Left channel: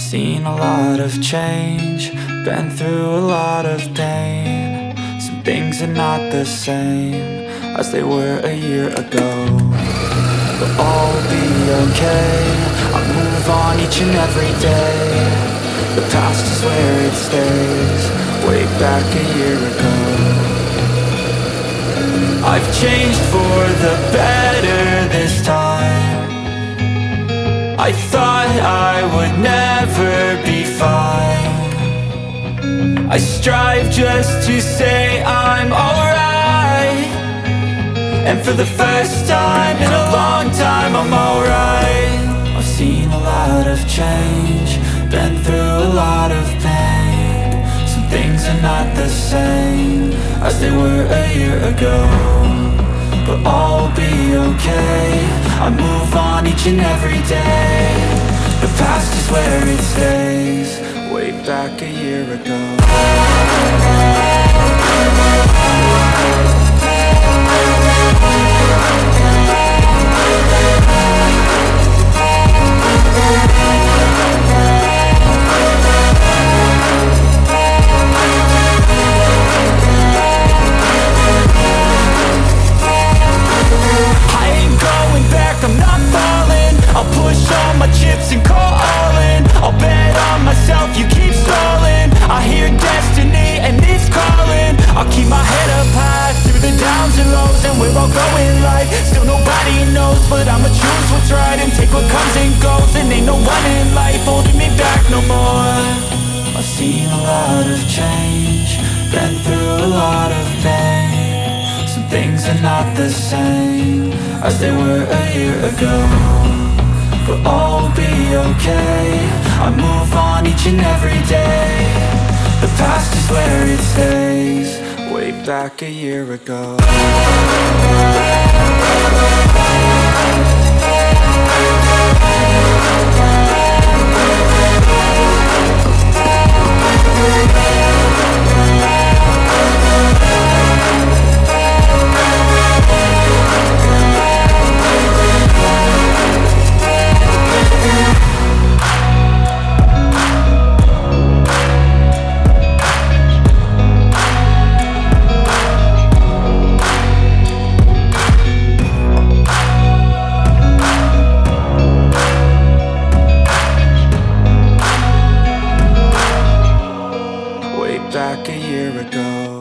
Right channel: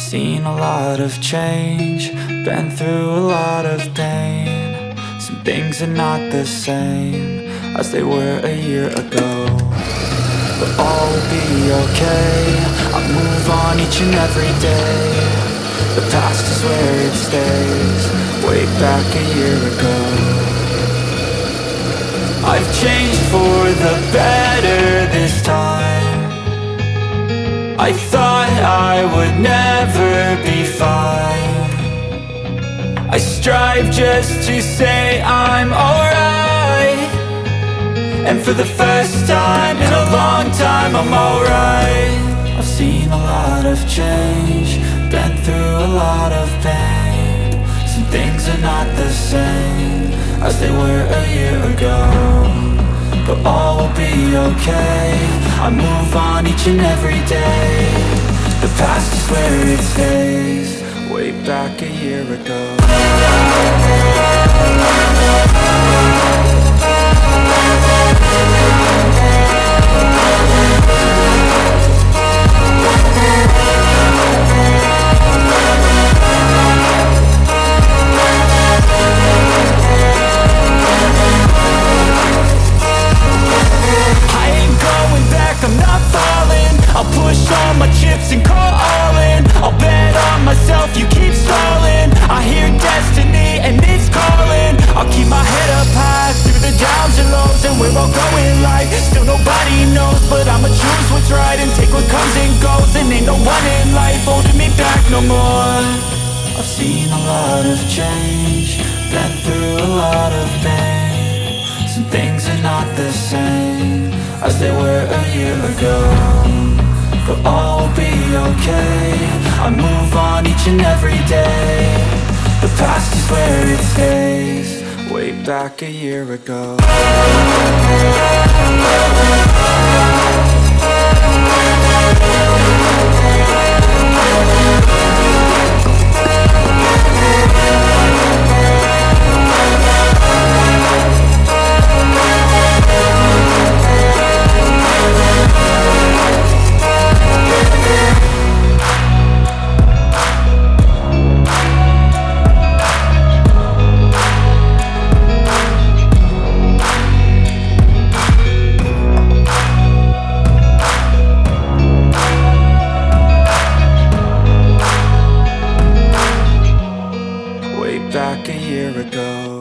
Seen a lot of change, been through a lot of pain. Some things are not the same as they were a year ago, but all will be okay. I move on each and every day. The past is where it stays, way back a year ago. I've changed for the better this time. I thought I would never be fine. I strive just to say I'm alright, and for the first time in a long time I'm alright. I've seen a lot of change, been through a lot of pain. Some things are not the same as they were a year ago, but all will be okay. I move on each and every day. The past is where it stays, way back a year ago. I'm not falling. I'll push all my chips and call all in. I'll bet on myself, you keep stalling. I hear destiny and it's calling. I'll keep my head up high through the downs and lows, and we're all going life. Still nobody knows, but I'ma choose what's right and take what comes and goes. And ain't no one in life holding me back no more. I've seen a lot of change, been through a lot of pain. Some things are not the same as they were a year ago, but all will be okay. I move on each and every day. The past is where it stays, way back a year ago. Back a year ago.